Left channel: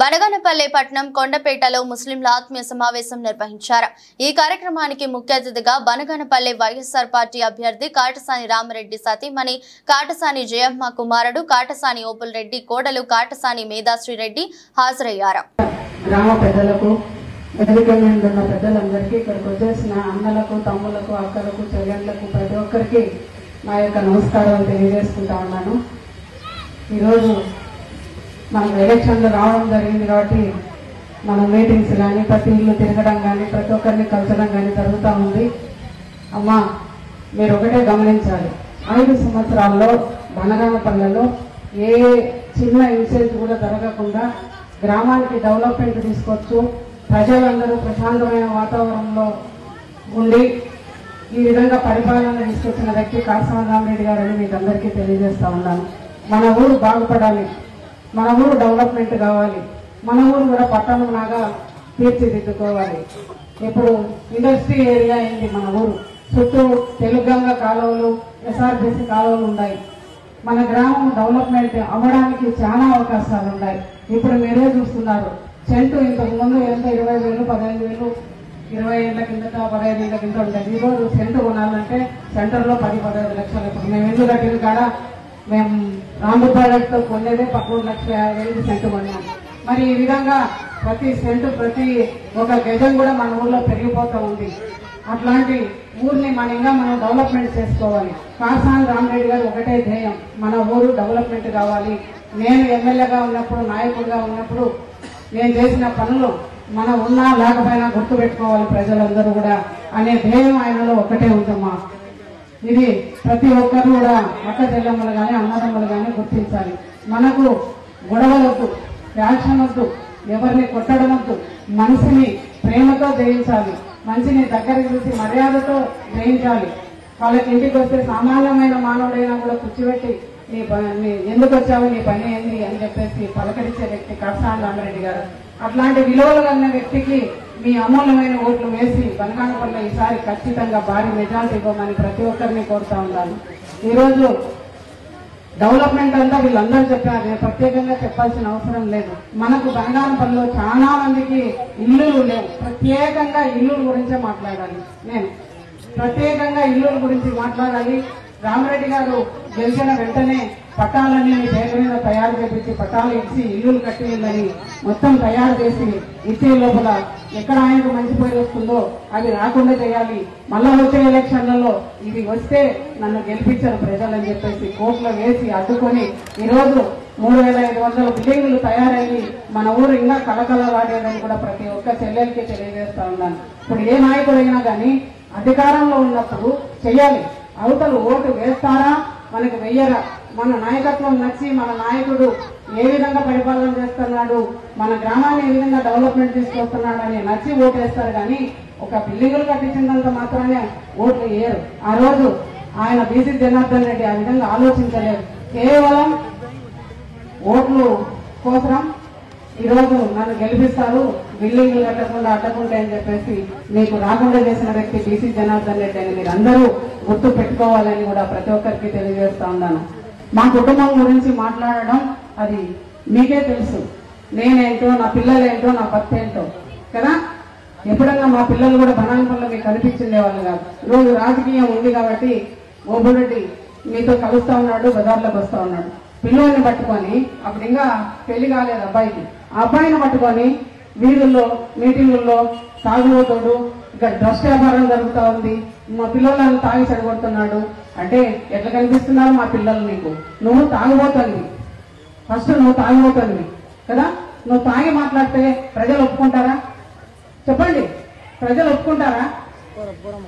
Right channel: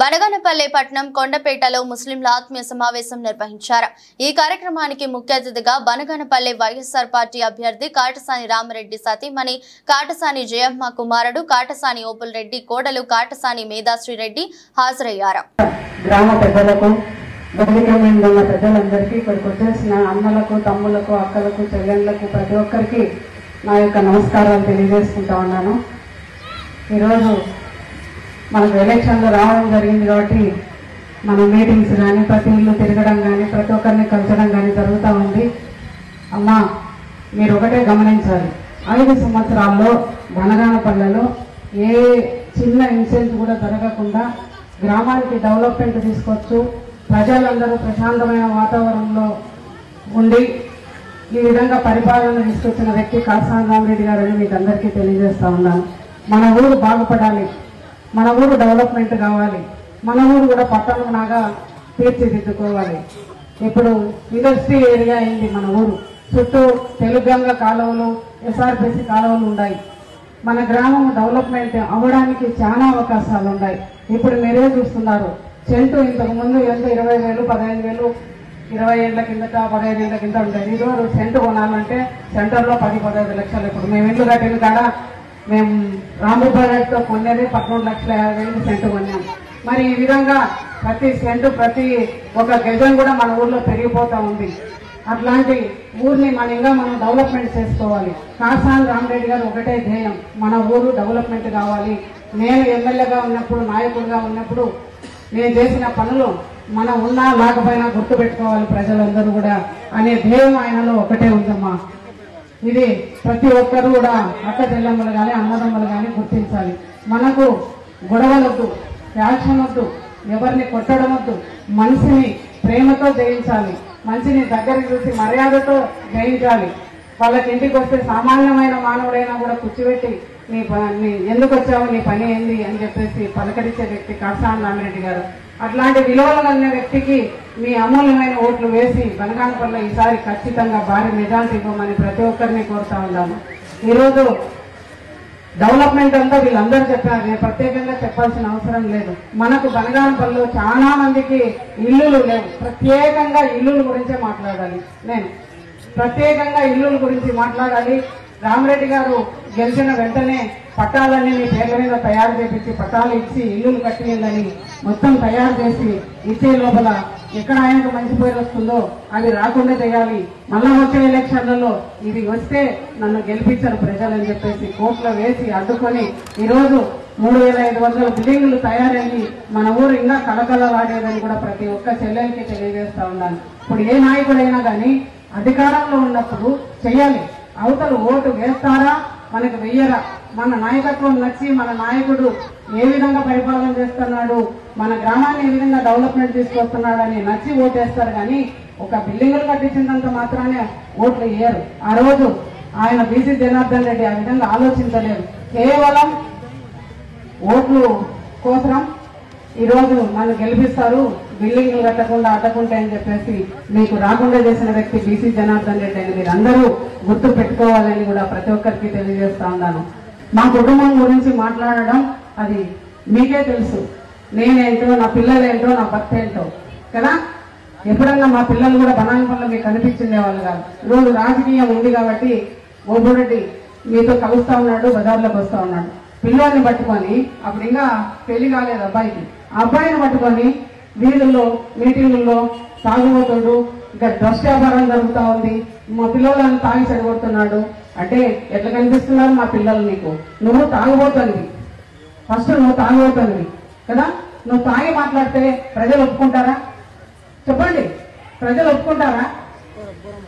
బనగానపల్లె పట్టణం కొండపేటలో ముస్లింల ఆత్మీయ సమావేశం నిర్వహించారు। ఈ కార్యక్రమానికి ముఖ్య అతిథిగా బనగానపల్లె వైఎస్ఆర్ పార్టీ అభ్యర్థి కాటసాని రామరెడ్డి సతీమణి కాటసాని జయమ్మ కుమారుడు కాటసాని ఓపుల్ రెడ్డి కోడలు కాటసాని మేధాశ్రీ రెడ్డి హాజరయ్యారు। గ్రామ పెద్దలకు బలికమైన పెద్దలందరికీ ఇక్కడికి వచ్చేసిన అన్నలకు తమ్ములకు అక్కలకు చెల్లెళ్ళకు ప్రతి ఒక్కరికి నా యొక్క నమస్కారాలు తెలియజేసుకుంటా ఉన్నాను। ఈరోజు మనకు ఎలక్షన్లు రావడం జరిగింది కాబట్టి మన మీటింగ్స్ కానీ ప్రతి ఇల్లు తిరగడం కానీ ప్రతి ఒక్కరిని కలచడం కానీ జరుగుతూ ఉంది। అమ్మ మీరు ఒకటే గమనించాలి, 5 సంవత్సరాల్లో బనగానపల్లెలో ఏ చిన్న ఇన్సిడెంట్ కూడా జరగకుండా గ్రామానికి డెవలప్మెంట్ తీసుకొచ్చు ప్రజలందరూ ప్రశాంతమైన వాతావరణంలో ఉండి ఈ విధంగా పరిపాలన తీసుకొచ్చిన వ్యక్తి కాటసాని రామరెడ్డి గారు అని మీకు అందరికీ తెలియజేస్తా ఉన్నాను। మన ఊరు బాగుపడాలి, మన ఊరు డెవలప్మెంట్ కావాలి, మన ఊరు కూడా పట్టణంలాగా తీర్చిదిద్దుకోవాలి। ఇప్పుడు ఇండస్ట్రీ ఏరియా అయింది మన ఊరు, చుట్టూ తెలుగంగ కాలువలు ఎస్ఆర్బిసి కాలువలు ఉన్నాయి। మన గ్రామం డెవలప్మెంట్ అవ్వడానికి చాలా అవకాశాలు ఉన్నాయి। ఇప్పుడు మీరే చూస్తున్నారు, సెంటు ఇంతకు ముందు ఎంత 20,000 15,000 20 ఏళ్ల కిందట 15 ఏళ్ల కింద ఉండేది। ఈరోజు సెంటు కొనాలంటే సెంటర్లో 10-15 లక్షలు। ఇప్పుడు మేము ఇల్లు కట్టిన కాడ మేము రాము ప్రాజెక్ట్తో కొనేది 13,50,000 సెంటు కొన్నాం। మరి ఈ విధంగా ప్రతి సెంటు ప్రతి ఒక గజం కూడా మన ఊర్లో పెరిగిపోతా ఉంది। అట్లాంటి ఊరిని మనం డెవలప్మెంట్ చేసుకోవాలి। కాటసాని రామరెడ్డి గారు ఒకటే ధ్యేయం, మన ఊరు డెవలప్మెంట్ కావాలి। నేను ఎమ్మెల్యేగా ఉన్నప్పుడు నాయకుడిగా ఉన్నప్పుడు నేను చేసిన పనులు మనం ఉన్నా లేకపోయినా గుర్తు పెట్టుకోవాలి ప్రజలందరూ కూడా అనే ధ్యేయం ఆయనలో ఒకటే ఉందమ్మా। ఇది ప్రతి ఒక్కరు కూడా అక్క చెల్లెమ్మలు కానీ అన్నదమ్మలు కానీ గుర్తించాలి। మనకు గొడవలొద్దు, ఫ్యాక్షన్ వద్దు, ఎవరిని కొట్టడం వద్దు, మనిషిని ప్రేమతో జయించాలి, మనిషిని దగ్గరికి చూసి మర్యాదతో జయించాలి। వాళ్ళకి ఇంటికి వస్తే సామాన్యమైన మానవుడైనా కూడా కూర్చోబెట్టి నీ ఎందుకు వచ్చావు, నీ పని ఏంది అని చెప్పేసి పలకరించే వ్యక్తి కాటసాని రామరెడ్డి గారు। అట్లాంటి విలువలు అన్న వ్యక్తికి మీ అమూల్యమైన ఓట్లు వేసి బనగానపల్లె ఈసారి ఖచ్చితంగా భారీ మెజార్టీ ఇవ్వమని ప్రతి ఒక్కరిని కోరుతా ఉన్నాను। ఈరోజు డెవలప్మెంట్ అంతా వీళ్ళందరూ చెప్పారు, నేను ప్రత్యేకంగా చెప్పాల్సిన అవసరం లేదు। మనకు బనగానపల్లెలో చాలా మందికి ఇల్లులు లేవు, ప్రత్యేకంగా ఇల్లుల గురించే మాట్లాడాలి। నేను ప్రత్యేకంగా ఇల్లుల గురించి మాట్లాడాలి। రామరెడ్డి గారు గెలిచిన వెంటనే పట్టాలన్నీ పేద మీద తయారు చేపించి పట్టాలు ఇచ్చి ఇల్లులు కట్టిందని మొత్తం తయారు చేసి ఇచ్చే లోపల ఎక్కడ ఆయనకు మంచి పేరు వస్తుందో అది రాకుండా చేయాలి। మళ్ళా వచ్చే ఎలక్షన్లలో ఇది వస్తే నన్ను గెలిపించరు ప్రజలని చెప్పేసి కోర్టులో వేసి అడ్డుకొని ఈరోజు 3,500 బిల్డింగులు తయారయ్యి మన ఊరు ఇంకా కలకలలాడేదని కూడా ప్రతి ఒక్క చెల్లెలకి తెలియజేస్తా ఉన్నాను। ఇప్పుడు ఏ నాయకుడైనా కానీ అధికారంలో ఉన్నప్పుడు చెయ్యాలి, అవతలు ఓటు వేస్తారా మనకు వెయ్యరా, మన నాయకత్వం నచ్చి మన నాయకుడు ఏ విధంగా పరిపాలన చేస్తున్నాడు, మన గ్రామాన్ని ఏ విధంగా డెవలప్మెంట్ తీసుకొస్తున్నాడు అని నచ్చి ఓటేస్తారు కానీ ఒక బిల్డింగులు కట్టించినంత మాత్రానే ఓట్లు వేయరు। ఆ రోజు ఆయన బీసీ జనార్దన్ రెడ్డి ఆ విధంగా ఆలోచించలేదు, కేవలం ఓట్లు కోసం ఈరోజు నన్ను గెలిపిస్తారు బిల్డింగ్లు కట్టకుండా అడ్డకుండా అని చెప్పేసి మీకు రాకుండా చేసిన వ్యక్తి బీసీ జనార్దన్ రెడ్డి అని మీరు అందరూ గుర్తు పెట్టుకోవాలని కూడా ప్రతి ఒక్కరికి తెలియజేస్తా ఉన్నాను। మా కుటుంబం గురించి మాట్లాడడం అది మీకే తెలుసు, నేనేంటో నా పిల్లలేంటో నా భర్త ఏంటో కదా। ఎప్పుడన్నా మా పిల్లలు కూడా బనగానపల్లె మీకు కనిపించిందే వాళ్ళు కాదు। ఈరోజు రాజకీయం ఉంది కాబట్టి ఓబురెడ్డి మీతో కలుస్తా ఉన్నాడు, బజార్లోకి వస్తా ఉన్నాడు, పిల్లల్ని పట్టుకొని అప్పుడు ఇంకా పెళ్లి కాలేదు అబ్బాయికి, ఆ అబ్బాయిని పట్టుకొని వీధుల్లో మీటింగుల్లో తాగుబోతుడు ఇంకా డ్రగ్స్ వ్యాపారం జరుగుతూ ఉంది, మా పిల్లలను తాగి చెడగొడుతున్నాడు అంటే ఎట్లా కనిపిస్తున్నారు మా పిల్లలు నీకు? నువ్వు తాగుబోతుంది, ఫస్ట్ నువ్వు తాగుబోతుంది కదా, నువ్వు తాగి మాట్లాడితే ప్రజలు ఒప్పుకుంటారా చెప్పండి? ప్రజలు ఒప్పుకుంటారా?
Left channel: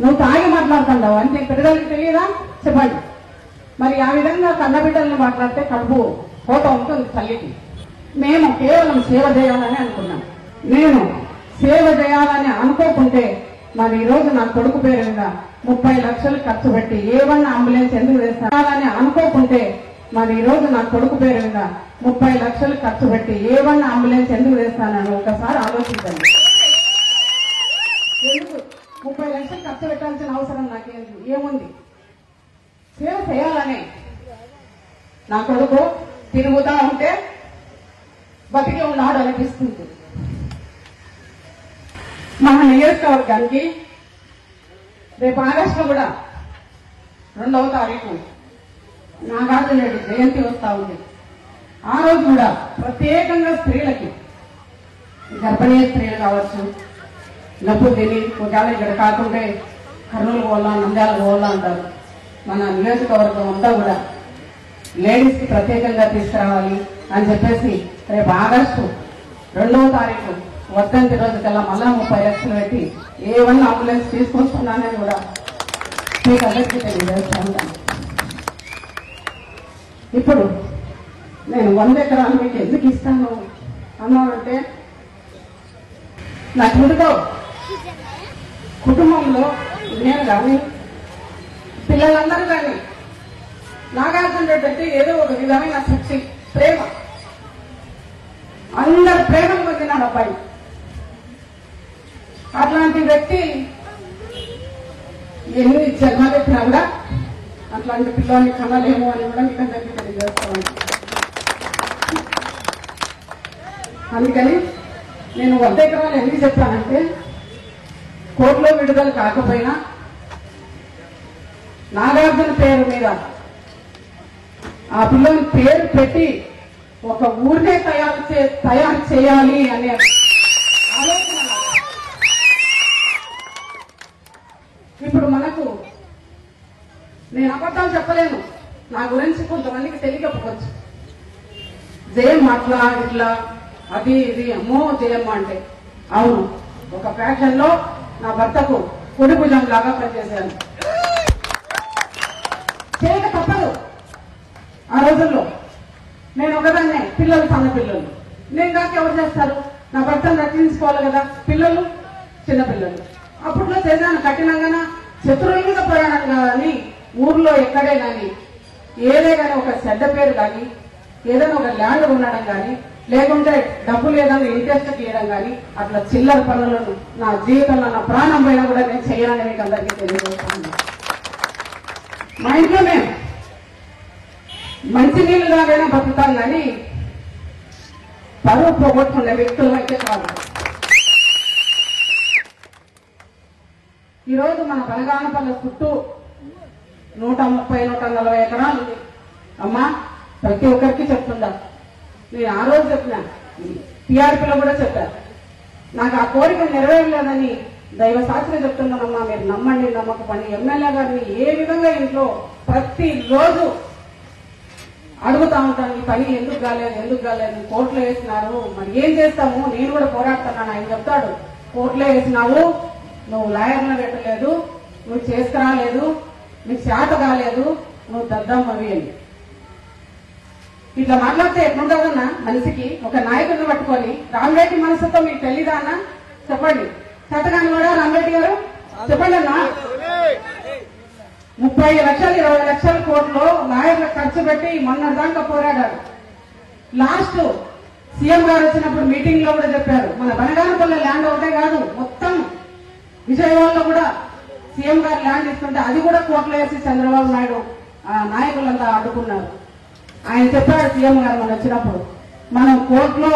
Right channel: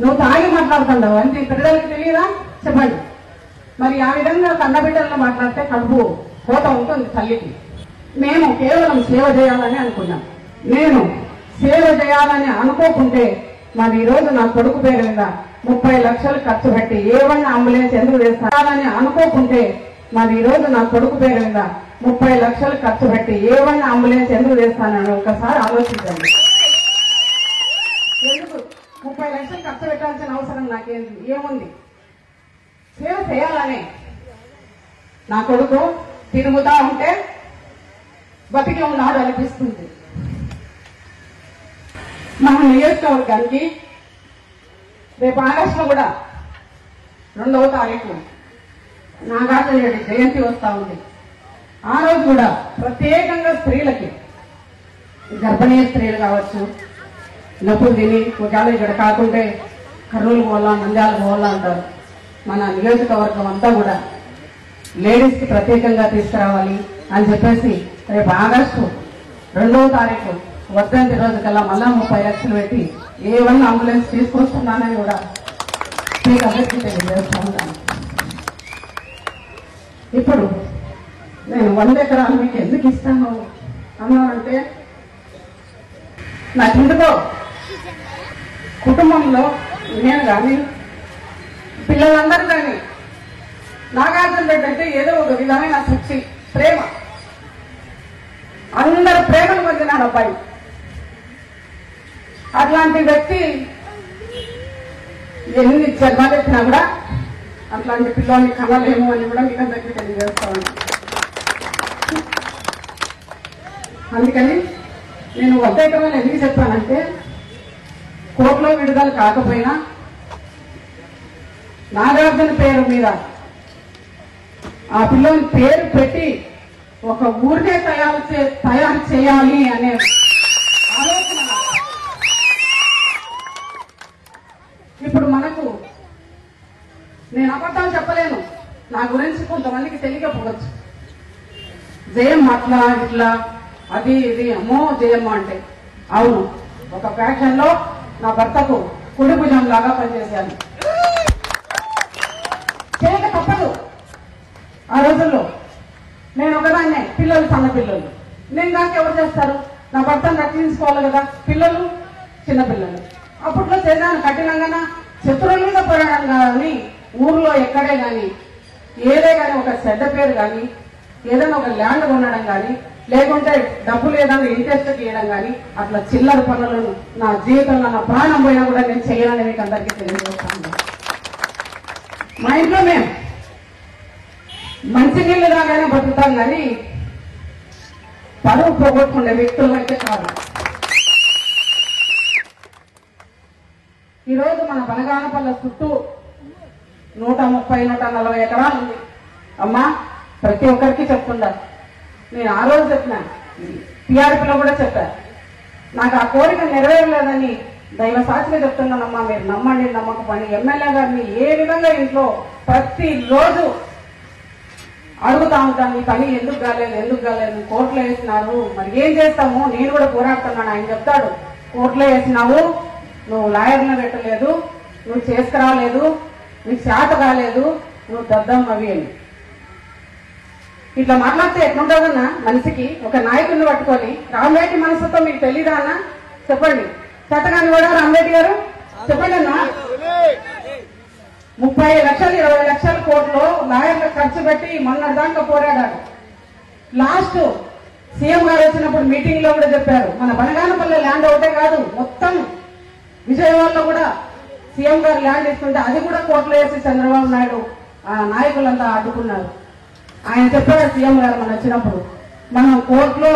నువ్వు తాగి మాట్లాడుతున్నావు అంటే ప్రజలకు తెలియదా చెప్పండి? మరి ఆ విధంగా కన్నబిడ్డలను మాట్లాడితే కడుపు కోత ఉంటుంది తల్లికి। మేము కేవలం సేవ చేయాలని అనుకున్నాం, నేను సేవ చేయాలని అనుకోకుంటే మరి ఈరోజు నా కొడుకు పేరు మీద 30 లక్షలు ఖర్చు పెట్టి A1 అంబులెన్స్ ఎందుకు వేస్తానని అనుకోకుంటే మరి ఈరోజు నా కొడుకు పేరు మీద 30 లక్షలు ఖర్చు పెట్టి A1 అంబులెన్స్ ఎందుకు వేస్తానని ఒకసారి ఆలోచించండి। ఎందుకు 30 లక్షలు ఖర్చు పెట్టాల్సిన అవసరం నాకేంది? ఏముంది? సేవ చేయాలనే నా కొడుకు తిరుగుతా ఉంటే బతికి ఉన్నాడు అనిపిస్తుంది. మన నియోజకవర్గానికి రేపు ఆగస్టు కూడా 2వ తారీఖు నాగార్జున రెడ్డి జయంతి వస్తా ఉంది. ఆ రోజు కూడా ప్రత్యేకంగా స్త్రీలకి, గర్భిణీ స్త్రీలు కావచ్చు, నొప్పులు తిని ఉద్యాలు ఇక్కడ కాకుంటే కర్నూలు పోవాలా, నంద్యాల పోవాలా అంటారు. మన నియోజకవర్గం అంతా కూడా లేడీస్ కి ప్రత్యేకంగా తీసుకురావాలి అని చెప్పేసి రేపు ఆగస్టు 2వ తారీఖు వర్ధంతి రోజు కల్లా మళ్ళా 30 లక్షలు పెట్టి A1 అంబులెన్స్ తీసుకొస్తున్నానని కూడా మీకు అందరికీ తెలియజేస్తున్నాను. ఇప్పుడు నేను 100 ఎకరాలు మీకు ఎందుకు ఇస్తాను అన్నానంటే, నా కుటుంబంలో నేను కానీ పిల్లలందరూ కానీ నాగార్జున రెడ్డి అంటే ఏదో ఒక విధమైన శక్తి, ప్రేమ, అందరు ప్రేమను పొందినాడు అబ్బాయి. అట్లాంటి వ్యక్తి ఎన్ని జన్మలెత్తినా కూడా అట్లాంటి పిల్లల్ని కనలేము అని కూడా మీకు అందరికీ తెలియజేస్తాను. అందుకని నేను 100 ఎకరాలు ఎందుకు చెప్పానంటే, కోర్టులో విడుదల కాకపోయినా నాగార్జున పేరు మీద ఆ పిల్లల పేరు పెట్టి ఒక ఊరినే తయారు చేయాలి అనే ఆలోచన. ఇప్పుడు మనకు నేను అబద్ధాలు చెప్పలేను, నా గురించి కొంతమందికి తెలియకపోవచ్చు. జయమ్మ అట్లా ఇట్లా అది ఇది అమ్మో జయమ్మ అంటే, అవును, ఒక ఫ్యాక్షన్ లో నా భర్తకు కొడి భుజం లాగా పనిచేశాను. చేయక తప్పదు. ఆ రోజుల్లో నేను ఒకదాన్నే, పిల్లలు సన్న పిల్లలు, నేను కాక ఎవరు చేస్తారు? నా భర్తను రక్షించుకోవాలి కదా, పిల్లలు చిన్నపిల్లలు. అప్పట్లో చేశాను కఠినంగా, శత్రువుల మీద పోరాడాను కానీ ఊర్లో ఎక్కడే గాని ఏదే గాని ఒక చెడ్డ పేరు కానీ, ఏదైనా ఒక ల్యాండ్ కొనడం కానీ, లేకుంటే డబ్బులు ఏదైనా ఇంట్రెస్ట్ ఇవ్వడం కానీ, అట్లా చిల్లర పనులను నా జీవితంలో నా ప్రాణం పోయినా కూడా నేను చేయాలని మీకు అందరికీ తెలియజేస్తాను. మా ఇంట్లో మేము మంచినీళ్ళు లాగానే బతుకుతాం కానీ పరుగు పోగొట్టుకునే వ్యక్తులైతే కాదు. ఈరోజు మన బనగానపల్లె చుట్టూ 130-140 ఎకరాలు ఉంది. అమ్మా, ప్రతి ఒక్కరికి చెప్తుందా, నేను ఆ రోజు చెప్పినా, టీఆర్పీలో కూడా చెప్పాను. నాకు ఆ కోరిక నెరవేరలేదని దైవ సాక్షిగా చెప్తున్నానమ్మా, మీరు నమ్మండి నమ్మకపోండి. ఎమ్మెల్యే గారిని ఏ విధంగా ఇంట్లో ప్రతిరోజు అడుగుతా ఉంటాను, ఈ పని ఎందుకు కాలేదు, కోర్టులో వేసినారు, మరి ఏం చేస్తాము, నేను కూడా పోరాడుతున్నాను. ఆయన చెప్తాడు, కోర్టులో వేసినావు, నువ్వు లాయర్లను పెట్టలేదు, నువ్వు చేసుకురాలేదు, నీకు చేత కాలేదు, నువ్వు దద్దమ్మవి అని. ఇట్లా మాట్లాడితే ఎట్లుంటుందన్నా మనిషికి? ఒక నాయకుడిని పట్టుకొని రామరెడ్డి మనసుతో మీకు తెలీదా అన్న? చెప్పండి. చేతగాని కూడా రామరెడ్డి గారు చెప్పండి అన్నా. 30 లక్షలు 20 లక్షల కోట్లు లాయర్లకు ఖర్చు పెట్టి మొన్న దాకా పోరాడాడు. లాస్ట్ సీఎం గారు వచ్చినప్పుడు మీటింగ్ లో కూడా చెప్పారు, మన బనగానపల్లి ల్యాండ్ ఒకటే కాదు, మొత్తం విజయవాడలో కూడా సీఎం గారు ల్యాండ్ ఇస్తుంటే అది కూడా కోర్టులో వేసి చంద్రబాబు నాయుడు ఆ నాయకులంతా అడ్డుకున్నారు. ఆయన చెప్పాడు సీఎం గారు మన వచ్చినప్పుడు, మనం కోర్టులో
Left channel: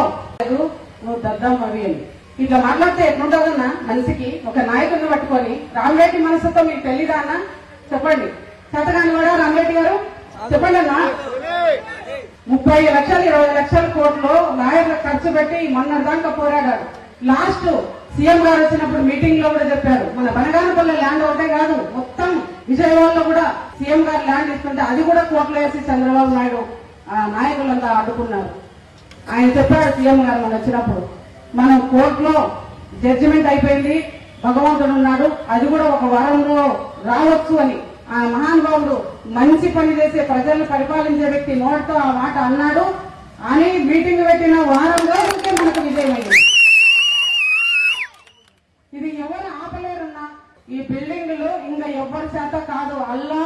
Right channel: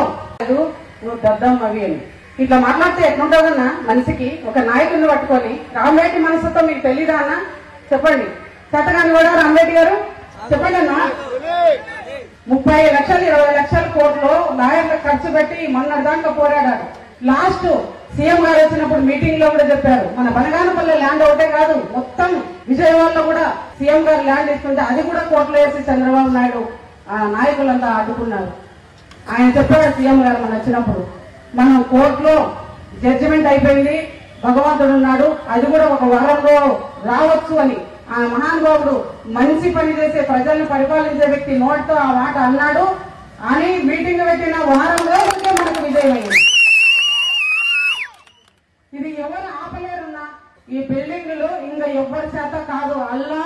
నువ్వు దద్దమ్మవి అని. ఇట్లా మాట్లాడితే ఎట్లుంటుందన్నా మనిషికి? ఒక నాయకుడిని పట్టుకొని రామరెడ్డి మనసుతో మీకు తెలీదా అన్న? చెప్పండి. చేతగాని కూడా రామరెడ్డి గారు చెప్పండి అన్నా. 30 లక్షలు 20 లక్షల కోట్లు లాయర్లకు ఖర్చు పెట్టి మొన్న దాకా పోరాడాడు. లాస్ట్ సీఎం గారు వచ్చినప్పుడు మీటింగ్ లో కూడా చెప్పారు, మన బనగానపల్లి ల్యాండ్ ఒకటే కాదు, మొత్తం విజయవాడలో కూడా సీఎం గారు ల్యాండ్ ఇస్తుంటే అది కూడా కోర్టులో వేసి చంద్రబాబు నాయుడు ఆ నాయకులంతా అడ్డుకున్నారు. ఆయన చెప్పాడు సీఎం గారు మన వచ్చినప్పుడు, మనం కోర్టులో జడ్జిమెంట్ అయిపోయింది, భగవంతుడు ఉన్నాడు, అది కూడా ఒక వారంలో రావచ్చు అని ఆ మహానుభావుడు మంచి పని చేసే ప్రజల్ని పరిపాలించే వ్యక్తి నోటితో ఆ మాట అన్నాడు అని మీటింగ్ పెట్టిన వారంలో మనకు విజయమైంది. ఇది ఎవరు ఆపలేరున్నా, ఈ బిల్డింగ్లు ఇంకా ఎవ్వరి చేత కాదు, అల్లా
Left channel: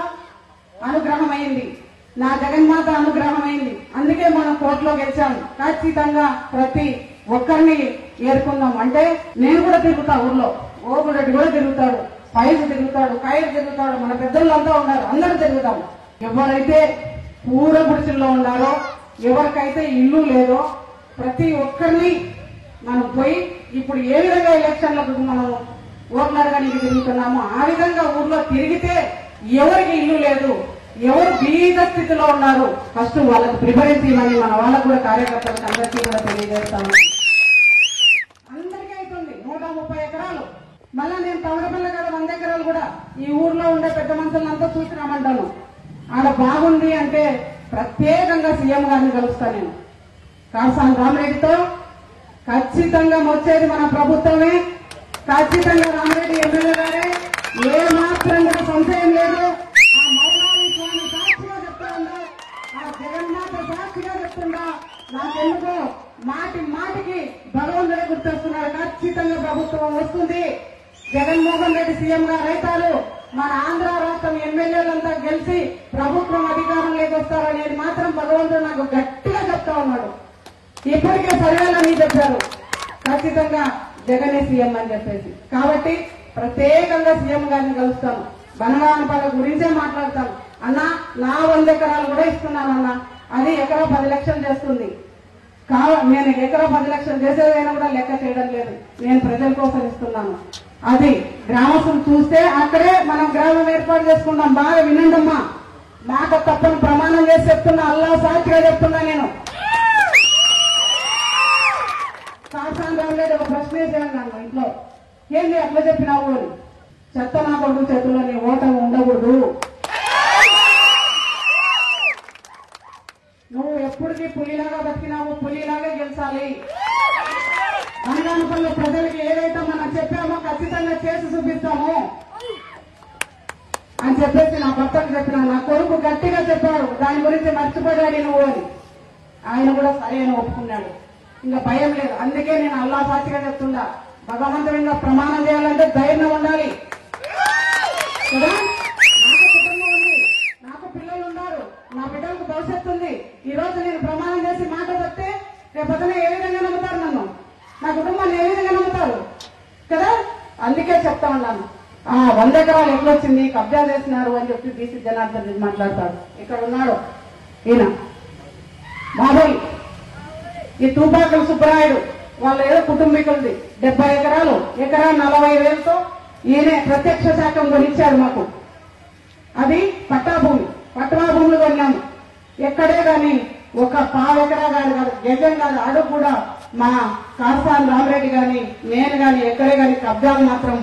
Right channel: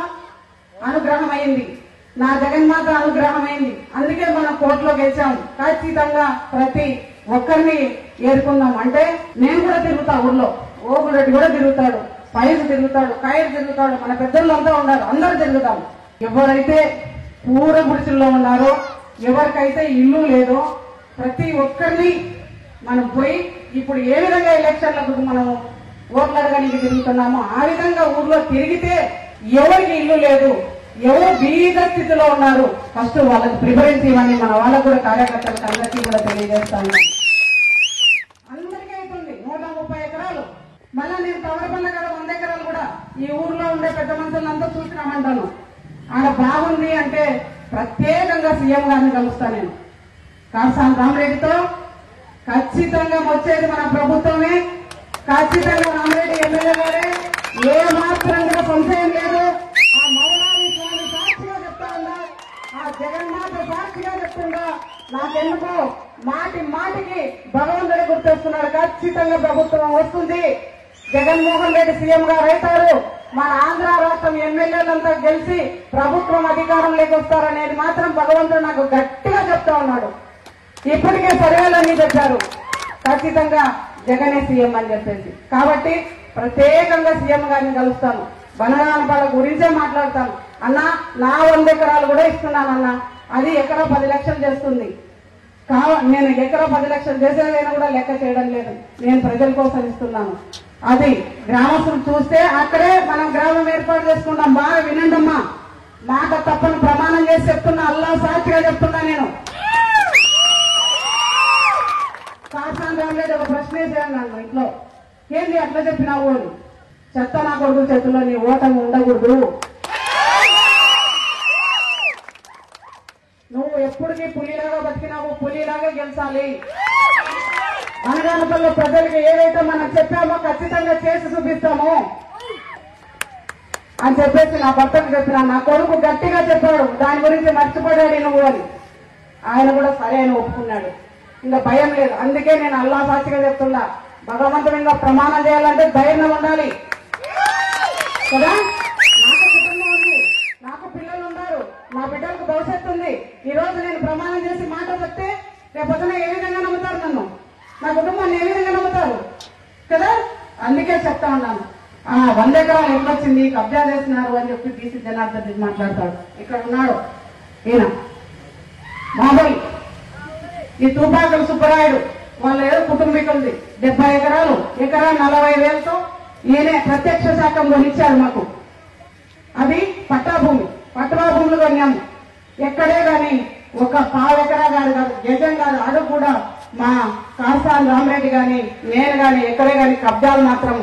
అనుగ్రహమైంది, నా జగన్మాత అనుగ్రహమైంది. అందుకే మనం కోర్టులో గెలిచాము. ఖచ్చితంగా ప్రతి ఒక్కరిని ఏరుకుందాం. అంటే నేను కూడా తిరుగుతా ఊర్లో, ఓగురెడ్డి కూడా తిరుగుతాడు, పైరు తిరుగుతాడు, కైరు తిరుగుతాడు, మన పెద్దలంతా ఉన్నారు, అందరూ తిరుగుతాం. ఎవరైతే పూర గుడిసెల్లో ఉన్నారో, ఎవరికైతే ఇల్లు లేదో, ప్రతి ఒక్కరిని మనం పోయి ఇప్పుడు ఏ విధంగా ఎలక్షన్లకు మనం ఓట్లు అడగడానికి తిరుగుతున్నామో ఆ విధంగా ఊర్లో తిరిగితే ఎవరికి ఇల్లు లేదు, ఎవరు బీద స్థితిలో ఉన్నారు ఫస్ట్ వాళ్ళకు ప్రిఫరెన్స్ ఇవ్వని మన వాళ్ళకు కూడా కార్యకర్తలకు అందరికీ కూడా తెలియజేస్తా ఉన్నాం. అందరికీ అవుతుంది 130 ఎకరాలు. మళ్ళా నేను తవడపల్ల కదా 100 ఎకరాలు కూడా ఈ ఊర్లో ఉండే పెద్ద మనుషులంతా చూసినామంటాను. ఆడ బాగుంది అంటే ప్రత్యేకంగా సీఎం గారిని కలుస్తా నేను. కాటసాని రామరెడ్డితో ఖచ్చితంగా వచ్చేది మన ప్రభుత్వమే, ఖచ్చితంగా రామరెడ్డి ఎమ్మెల్యే గారే, ఏ మాత్రం కూడా సంశయం లేదు. ఆ మౌనాది స్వామి సాక్షిగా చెప్తా ఉన్నా, ఆ జగన్మాత సాక్షిగా చెప్తుందా, నాకెందుకో మాటి మాటికి భగవంతుడే గుర్తొస్తున్నారు. ఖచ్చితంగా ప్రభుత్వం వస్తుంది, జగన్మోహన్ రెడ్డి సీఎం గారు అవుతారు, మన ఆంధ్ర రాష్ట్రం ఎమ్మెల్యేలంతా గెలిచి ప్రభుత్వం అధికారంలోకి వస్తారనేది మాత్రం భగవంతుడు నాకు గట్టిగా చెప్తా ఉన్నాడు. ఇప్పటికే సర్వేలన్నీ చెప్పారు ఖచ్చితంగా జగనే సీఎం అని చెప్పేసి. కాబట్టి ప్రత్యేకంగా సీఎం గారిని కలుస్తాను, బనగానపల్ల గురించే మాట్లాడతాను. అన్న నా 100 ఎకరాలు కూడా ఇస్తున్నానన్న, అది ఎకరా 10 లక్షలు చేస్తుంది. నేను ఎకరా 10 లక్షలు చేసేదైనా కూడా లెక్క చేయడం లేదు, నేను ప్రజల కోసం ఇస్తున్నాను. అది గ్రామస్తులు చూస్తే అక్కడే మనం గ్రామం ఏర్పాటు చేసుకుంటాం. బాగా వినండమ్మా, మాట తప్పని ప్రమాణం చేసి చెప్తున్నా, అల్లా సాక్షిగా చెప్తున్నా. నేను కాటసాని రామరెడ్డి ఒక ప్రశ్న వేసాను నన్ను ఇంట్లో, ఏంది అట్లా చెప్పినావు అని. చెత్త నా కొడుకు చేతుల్లో నీ ఓటం ఉండకూడదు, నువ్వు ఎప్పటికీ పులిలాగా బతికినావు, పులిలాగా గెలిచాలి. అనగానపల్లి ప్రజలకి ఏదైతే మనం చెప్పామో ఖచ్చితంగా చేసి చూపిస్తాము అని చెప్పేసి నా భర్తకు చెప్పినా. నా కొడుకు గట్టిగా చెప్పాడు, దాని గురించి మర్చిపోయాడు నువ్వు అని. ఆయన కూడా సరే అని ఒప్పుకున్నాడు. ఇంకా భయం లేదు. అందుకే నేను అల్లా సాక్షిగా చెప్తున్నా, భగవంతుడు ఇంకా ప్రమాణం చేయాలంటే ధైర్యం ఉండాలి కదా. నాకు కుటుంబం ఉంది, నాకు పిల్లలు ఉన్నారు, నా బిడ్డలకు భవిష్యత్తు ఉంది. ఈ రోజు నేను ప్రమాణం చేసి మాట చెప్తే రేపొద్దున ఏ విధంగా నమ్ముతారు నన్ను, నా కుటుంబాన్ని ఏ విధంగా నమ్ముతారు కదా. అందుకే చెప్తా ఉన్నాను. 100 ఎకరాలు ఎట్లొచ్చింది, కబ్జా చేస్తున్నారు అని చెప్పి బీసీ జనార్దన్ రెడ్డి మాట్లాడతాడు. ఇక్కడ ఉన్నాడు ఈయన బాబాయ్, ఈ తూపాకుల సుబ్బరాయుడు వాళ్ళ ఏదో కుటుంబీకులది 70 ఎకరాలు, ఎకరా 40,000తో ఈయనే ప్రత్యక్ష శాఖం కొనిచ్చాడు మాకు. అది పట్టాభూమి, పట్టా భూములు కొన్నాము. ఎక్కడే కానీ ఒక పావు ఎకరా కాదు, గజం కాదు, అడుగు కూడా మా కాటసాని రామరెడ్డి గాని నేను గాని ఎక్కడే గాని కబ్జాలు మాత్రం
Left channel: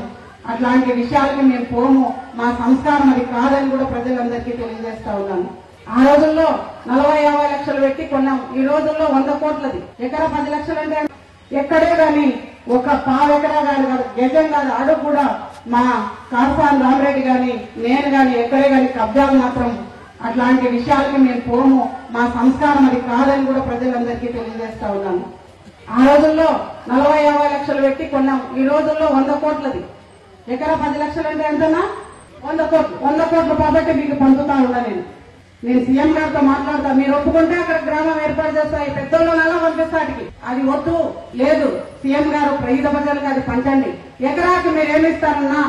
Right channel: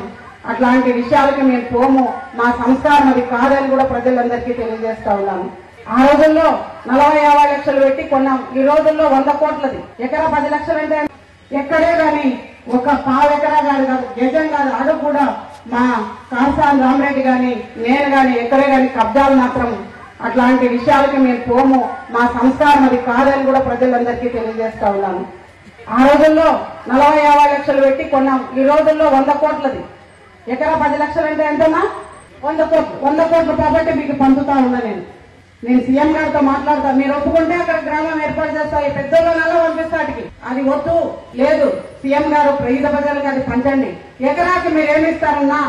అట్లాంటి విషయాలకి మేము పోము, మా సంస్కారం అది కాదని కూడా ప్రజలందరికీ తెలియజేస్తా ఉన్నాను. ఆ రోజుల్లో 40-50 లక్షలు పెట్టి కొన్నాం, ఈ రోజుల్లో 100 కోట్లది. ఎకరా 10 లక్షలు అంటే ఎక్కడే గాని ఒక పావు ఎకరా కాదు, గజం కాదు, అడుగు కూడా మా కాటసాని రామరెడ్డి గాని నేను గాని ఎక్కడే గాని కబ్జాలు మాత్రం అట్లాంటి విషయాలకి మేము పోము, మా సంస్కారం అది కాదని కూడా ప్రజలందరికీ తెలియజేస్తా ఉన్నాను. ఆ రోజుల్లో 40-50 లక్షలు పెట్టి కొన్నాం, ఈ రోజుల్లో 100 కోట్లది. ఎకరా 10 లక్షలు అంటే ఎంతనా? 100 కోట్లు. 100 కోట్ల ప్రాపర్టీ మీకు పంచుతా ఉన్నా నేను సీఎం గారితో మాట్లాడతా. మీరు ఒప్పుకుంటే అక్కడ గ్రామం ఏర్పాటు చేస్తా, ఈ పెద్దోళ్ళలో పంపిస్తాటికి. అది వద్దు లేదు, సీఎం గారు పేద ప్రజలకు అది పంచండి. ఎకరాకి మీరు ఏమిస్తారన్నా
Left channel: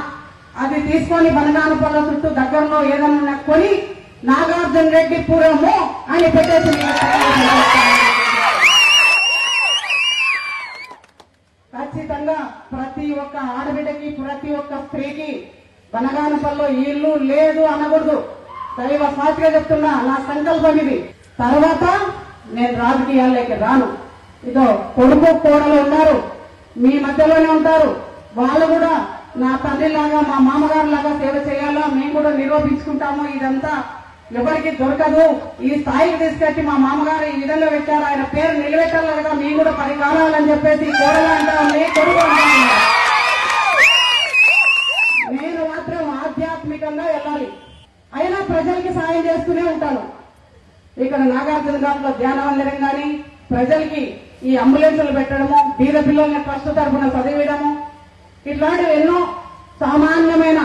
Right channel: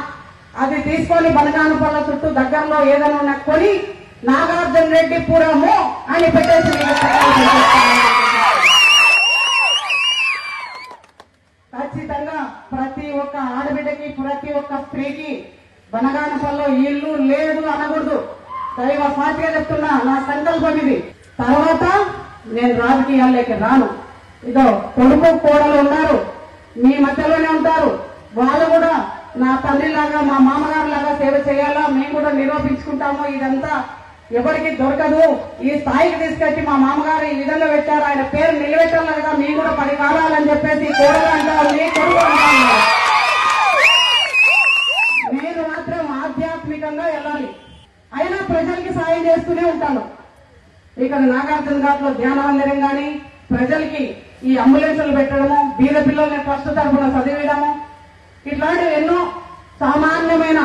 అది తీసుకొని బనగానపల్ల చుట్టూ దగ్గరలో ఏదైనా కొని నాగార్జున రెడ్డి పురము అని పెట్టేసి ఖచ్చితంగా ప్రతి ఒక్క ఆడబిడ్డకి, ప్రతి ఒక్క స్త్రీకి బనగానపల్లిలో ఇల్లు లేదు అనకూడదు. దైవ సాక్షిగా చెప్తున్నా, నా సంకల్పం ఇది. తర్వాత నేను రాజకీయాల్లోకి రాను. ఇదో కొడుకు కోడలు ఉన్నారు, మీ మధ్యలోనే ఉంటారు, వాళ్ళు కూడా నా తల్లిలాగా మా మామగారు లాగా సేవ చేయాలా, మేము కూడా నిరూపించుకుంటాము. ఇదంతా ఎవరికి దొరకదు. ఈ స్థాయికి తీసుకొచ్చి మా మామగారు ఈ విధంగా పెట్టారు, ఆయన పేరు నిలబెట్టాలగా మీ కూడా పరికారాలని చెప్పేసి కోడలు అంటారు, నేను మాత్రం ఆధ్యాత్మికంగా వెళ్ళాలి. అయినా ప్రజలకి సాయం చేస్తూనే ఉంటాను. ఇక్కడ నాగార్జున ఘాట్లో ధ్యాన మందిరం గాని, ప్రజలకి ఈ అంబులెన్సులు పెట్టడము, బీద పిల్లల్ని ట్రస్ట్ తరఫున చదివిడము, ఇట్లాంటివి ఎన్నో. సామాన్యమైన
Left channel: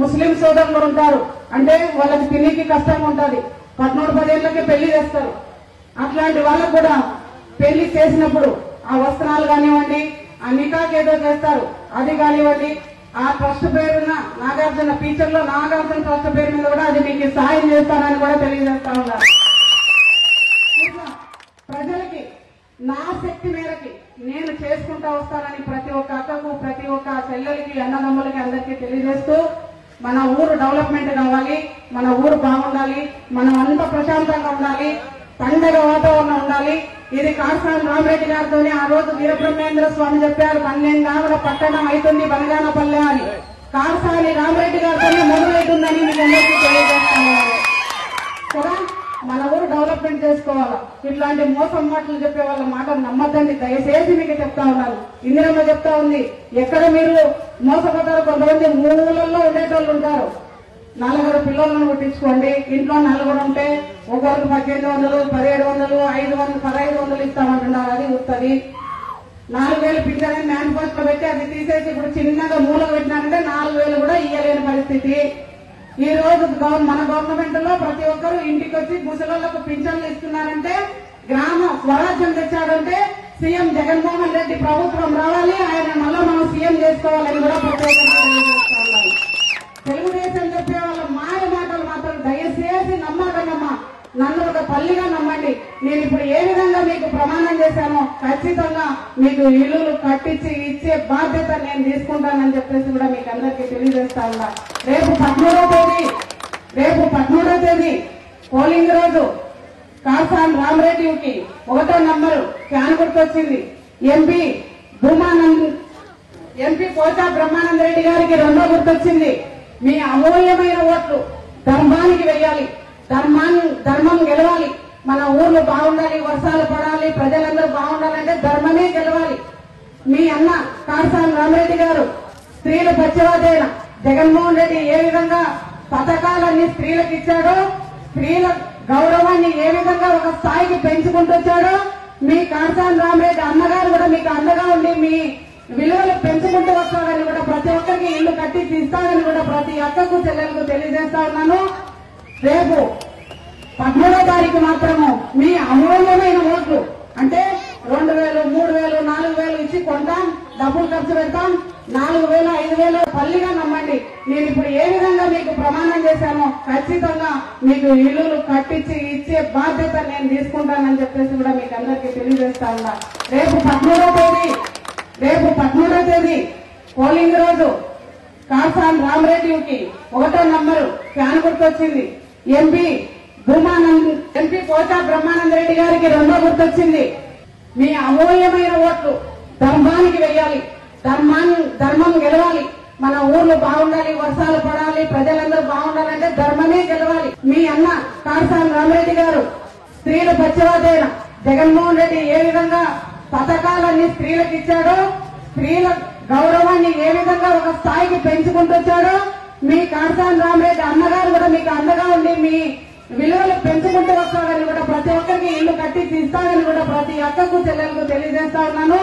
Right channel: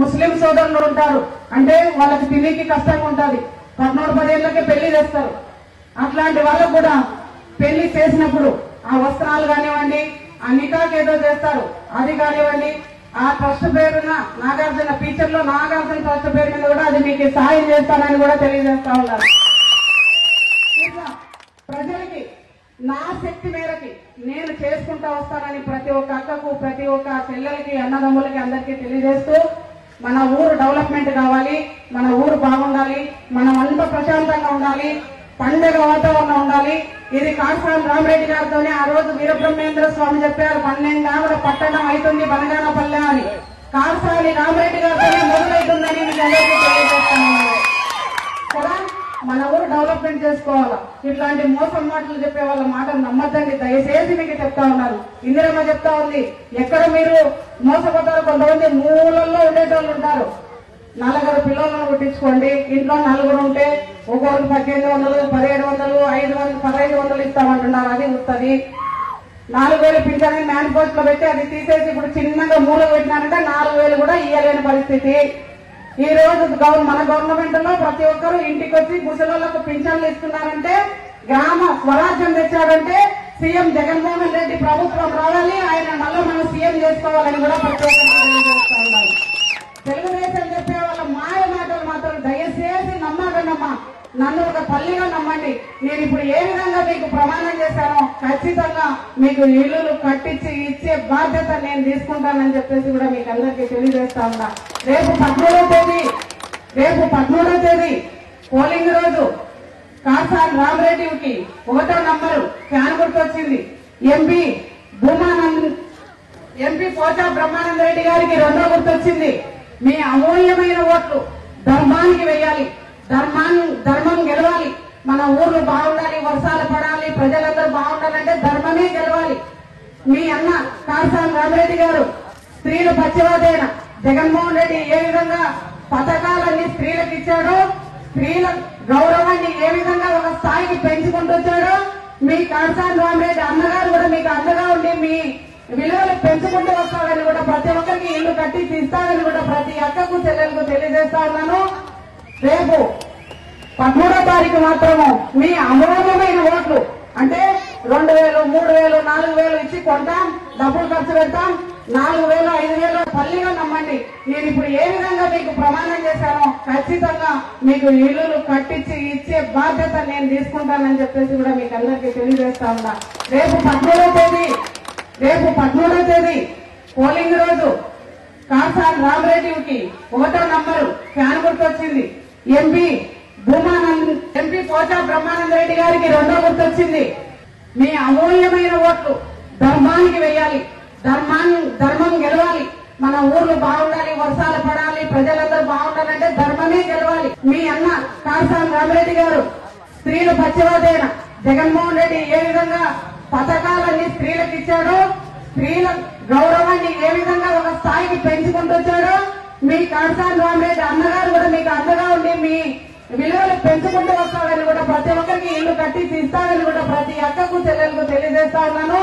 ముస్లిం సోదరులు ఉంటారు, అంటే వాళ్ళకి తినేకి కష్టంగా ఉంటుంది, 14-10 ఏళ్ళకి పెళ్లి చేస్తారు. అట్లాంటి వాళ్ళకు కూడా పెళ్లి చేసినప్పుడు ఆ వస్త్రాలు కానివ్వండి, ఆ నికాకి ఏదో చేస్తారు అది కానివ్వండి, ఆ ట్రస్ట్ పేరున నాగార్జున ఫీచర్ లో నాగార్జున ట్రస్ట్ పేరు మీద కూడా అది మీకు సాయం చేస్తానని కూడా తెలియజేస్తా ఉంటారు. ప్రజలకి నా చేసుకుంటా వస్తానని ప్రతి ఒక్క అక్కకు, ప్రతి ఒక్క చెల్లెలకి, అన్నదమ్ములకి అందరికీ తెలియజేస్తూ మన ఊరు డెవలప్మెంట్ కావాలి, మన ఊరు బాగుండాలి, మనం అంతా ప్రశాంతంగా ఉండాలి, పండగ వాతావరణం ఉండాలి. ఇది కాటసాని రామిరెడ్డి గారితోనే ఆ రోజు వీరబ్రహ్మేంద్ర స్వామి చెప్పారు, 12 ఆమెల పట్టణం అవుతుంది బనగానపల్లె అని. కాటసాని రామిరెడ్డి గారితోనే మొదలవుతుందని మీకు అందరికీ తెలియజేస్తున్నాను కదా. మన ఊరు డెవలప్మెంట్ చేసుకోవాలా. ఇట్లాంటి మోసం మాటలు చెప్పే వాళ్ళ మాటలు నమ్మద్దండి, దయచేసి మీకు చెప్తా ఉన్నాను. ఇందిరమ్మ చెప్తా ఉంది, ఎక్కడ మీరు మోసపోతారో కొంతమంది మూలల్లో ఉండేటోళ్ళు ఉంటారు. 4 పిల్లలను పుట్టించుకోండి, ఇంట్లో 4 ఉంటే ఒక్కొక్కరికి 1800, 1700, 500, 1500 ఇస్తామంటున్నారు. అది వస్తుంది. 4000 పింఛన్ మేనిఫెస్టో పెట్టి అది తీసేసి ఇప్పుడు చిన్నగా మూలకు పెట్టినారంటే 4000 కూడా ఇయ్యలేని పరిస్థితి. ఈ రోజు మన గవర్నమెంట్ లో ప్రతి ఒక్కరు ఇంటికి వచ్చి ముసలోళ్లకు పింఛన్లు ఇస్తున్నారంటే, గ్రామ స్వరాజ్యం తెచ్చాడంటే సీఎం జగన్మోహన్ రెడ్డి ప్రభుత్వం రావాలి, ఆయన మళ్ళీ మనం సీఎం చేసుకోవాలని కూడా ప్రతి ఒక్కరు తెలియజేస్తా ఉన్నారు. తెలుగుదేశం చెప్పే వాళ్ళ మాయ మాటలు మాత్రం దయచేసి నమ్మకండమ్మా, నన్ను ఒక తల్లిగా నమ్మండి. నేను ఇప్పుడు ఏ విధంగా మీకు ప్రమాణం చేశానో ఖచ్చితంగా మీకు ఇల్లులు కట్టించి ఇచ్చే బాధ్యత నేను తీసుకుంటానని చెప్పేసి కూడా మీకు అందరికీ తెలియజేస్తా ఉన్నా. రేపు 13వ తేదీ పోలింగ్ రోజు కాటసాని రామిరెడ్డికి 1వ నంబరు ఫ్యాన్ గుర్తొచ్చింది. ఎంపీ పోచా బ్రహ్మానంద రెడ్డి గారికి 2వ గుర్తొచ్చింది. మీ అమూల్యమైన ఓట్లు ధర్మానికి వెయ్యాలి, ధర్మం గెలవాలి. మన ఊర్లు బాగుండాలి, వర్షాలు పడాలి, ప్రజలందరూ బాగుండాలంటే ధర్మమే గెలవాలి. మీ అన్న కాటసాని రామిరెడ్డి గారు స్త్రీలు పచ్చివాదైన జగన్మోహన్ రెడ్డి ఏ విధంగా పథకాలన్నీ స్త్రీలకు ఇచ్చాడో, స్త్రీల గౌరవాన్ని ఏ విధంగా ఒక స్థాయికి పెంచుకుంటూ వచ్చాడో, మీ కాటసాని రామిరెడ్డి అన్నగారు కూడా మీకు అండగా ఉండి మీ విలువలు పెంచుకుంటూ వస్తాడని కూడా, ప్రతి ఒక్కరికి ఇల్లు కట్టి తీస్తాడని కూడా ప్రతి అక్కకు చెల్లెలకు తెలియజేస్తా ఉన్నాను. రేపు 13వ తారీఖు మాత్రము మీ అమూల్యమైన ఓట్లు అంటే 2000, 3000, 4000 ఇచ్చి కొంటాం, డబ్బులు ఖర్చు పెడతాం. 4000, 5000 తల్లిగా నమ్మండి. నేను ఇప్పుడు ఏ విధంగా మీకు ప్రమాణం చేశానో ఖచ్చితంగా మీకు ఇల్లులు కట్టించి ఇచ్చే బాధ్యత నేను తీసుకుంటానని చెప్పేసి కూడా మీకు అందరికీ తెలియజేస్తా ఉన్నా. రేపు 13వ తేదీ పోలింగ్ రోజు కాటసాని రామిరెడ్డికి 1వ నంబరు ఫ్యాన్ గుర్తొచ్చింది. ఎంపీ పోచా బ్రహ్మానంద రెడ్డి గారికి 2వ గుర్తొచ్చింది. మీ అమూల్యమైన ఓట్లు ధర్మానికి వెయ్యాలి, ధర్మం గెలవాలి. మన ఊర్లు బాగుండాలి, వర్షాలు పడాలి, ప్రజలందరూ బాగుండాలంటే ధర్మమే గెలవాలి. మీ అన్న కాటసాని రామిరెడ్డి గారు స్త్రీలు పచ్చివాదైన జగన్మోహన్ రెడ్డి ఏ విధంగా పథకాలన్నీ స్త్రీలకు ఇచ్చాడో, స్త్రీల గౌరవాన్ని ఏ విధంగా ఒక స్థాయికి పెంచుకుంటూ వచ్చాడో, మీ కాటసాని రామిరెడ్డి అన్నగారు కూడా మీకు అండగా ఉండి మీ విలువలు పెంచుకుంటూ వస్తాడని కూడా, ప్రతి ఒక్కరికి ఇల్లు కట్టి తీస్తాడని కూడా ప్రతి అక్కకు చెల్లెలకు తెలియజేస్తా ఉన్నాను.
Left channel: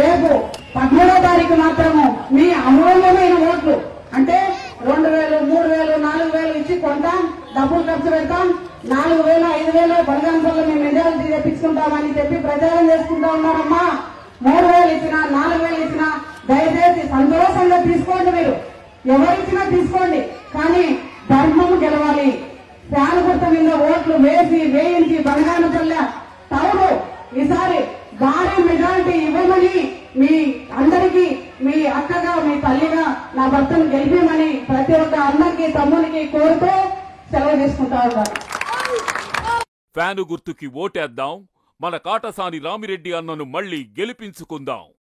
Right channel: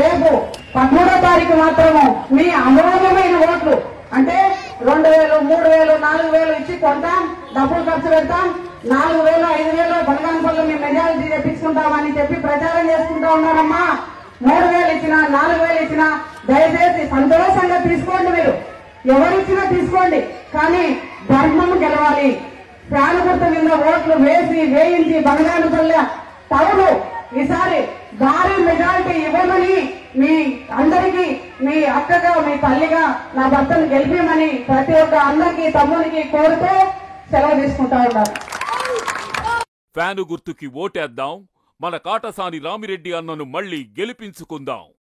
రేపు 13వ తారీఖు మాత్రము మీ అమూల్యమైన ఓట్లు అంటే 2000, 3000, 4000 ఇచ్చి కొంటాం, డబ్బులు ఖర్చు పెడతాం. 4000, 5000 బనగానపల్లి మేము మెజారిటీ తెప్పించుకుంటామని చెప్పి ప్రచారం చేసుకుంటా ఉన్నారమ్మా. 3000 ఇచ్చినా, 4000 ఇచ్చినా దయచేసి సంతోషంగా తీసుకోండి. మీరు ఎవరిచ్చినా తీసుకోండి, కానీ ధర్మం గెలవాలి. ఫ్యాన్ గుర్తు మీద ఓట్లు వేయించి బనగానపల్లె టౌన్ ఈసారి భారీ మెజారిటీ ఇవ్వమని మీ అందరికీ, మీ అక్కగా, మీ తల్లిగా నా భర్తను గెలిపేమని ప్రతి ఒక్క అందరికీ, తమ్మునికి కోరుతూ సెలవు తీసుకుంటా ఉన్నారు. ఫ్యాను గుర్తుకి ఓటేద్దాం, మన కాటసాని రామిరెడ్డి అన్నను మళ్లీ గెలిపించుకుందాం.